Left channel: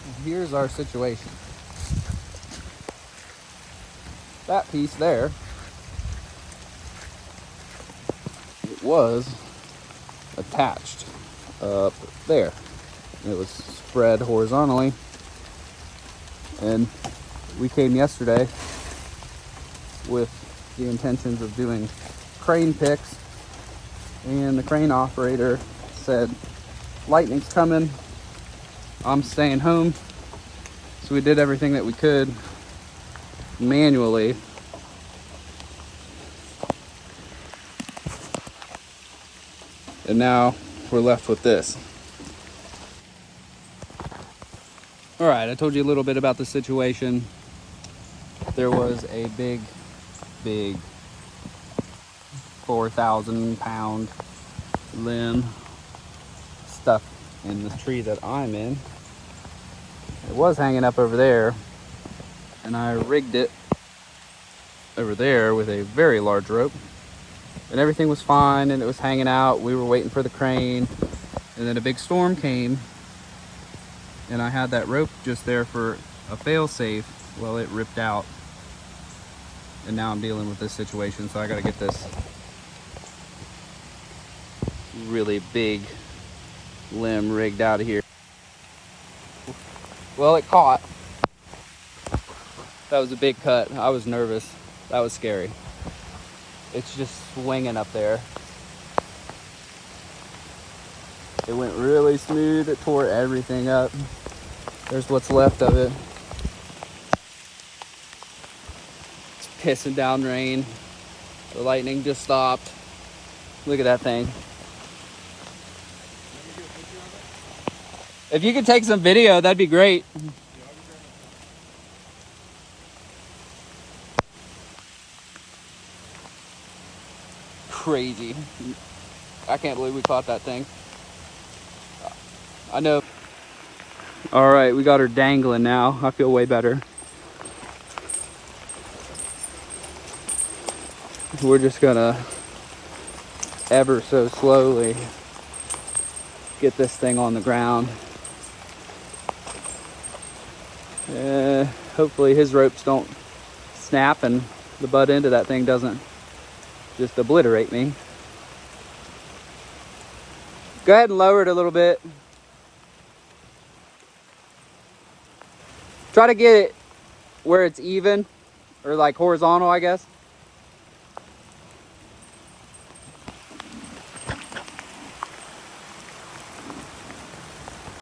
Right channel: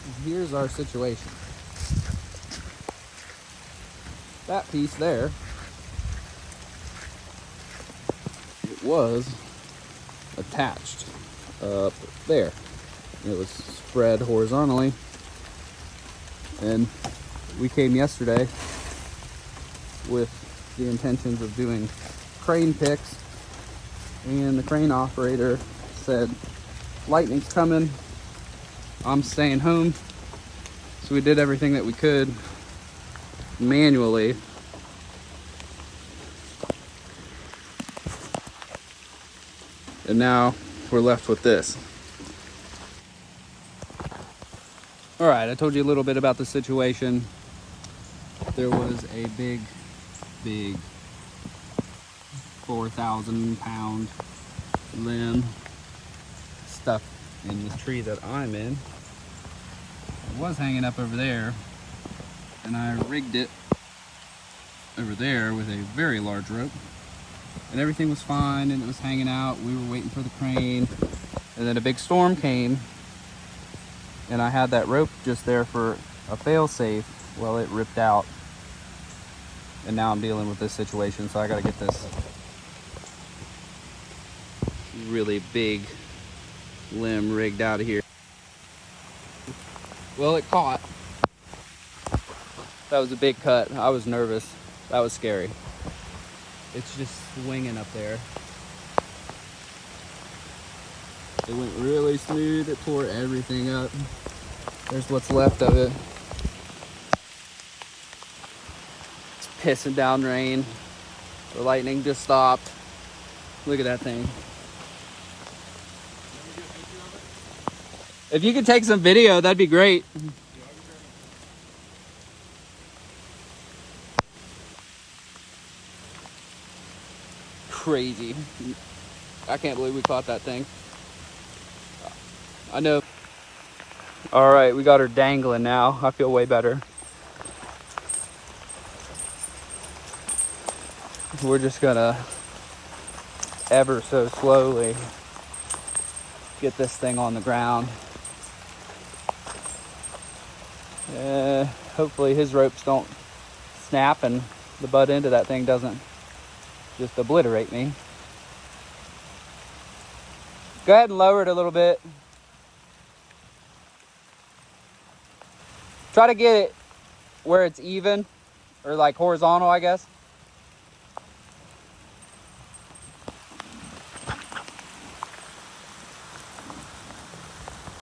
Here's our situation. That piece there, it was attached up there. It was spread horizontally, and we came yesterday with the intentions of doing crane picks, and the crane operator said, lightning's coming, I'm staying home. So we did everything that we could manually. And now we're left with this. All right, I told you a little bit about the situation. There was a big 4,000-pound limb stuck in the tree that I'm in. It was hanging up over there, and I rigged it over there with a very large rope, and everything was fine, and it was hanging out. We were waiting for the crane, and then a big storm came, and I had that rope just there for a fail-safe. Well, it ripped out, and now I'm dealing with this situation, so I gotta get this really big limb rigged out of here. Well, it caught. That was a big cut. I was nervous. That was scary. It's just swinging up there. It went really smooth. It tore everything up. There's what's left of it. It's pissing down rain. The lightning just stopped. Look at that thing. If you could take some video, that'd be great. Crazy. I can't believe we caught that thing. I know. All right, we got her dangling now. I feel way better. We're just gonna ever so slowly get this thing on the ground. Hopefully his ropes don't snap and the butt end of that thing doesn't just obliterate me. Go ahead and lower it a little bit. Try to get it where it's even, or like horizontal, I guess.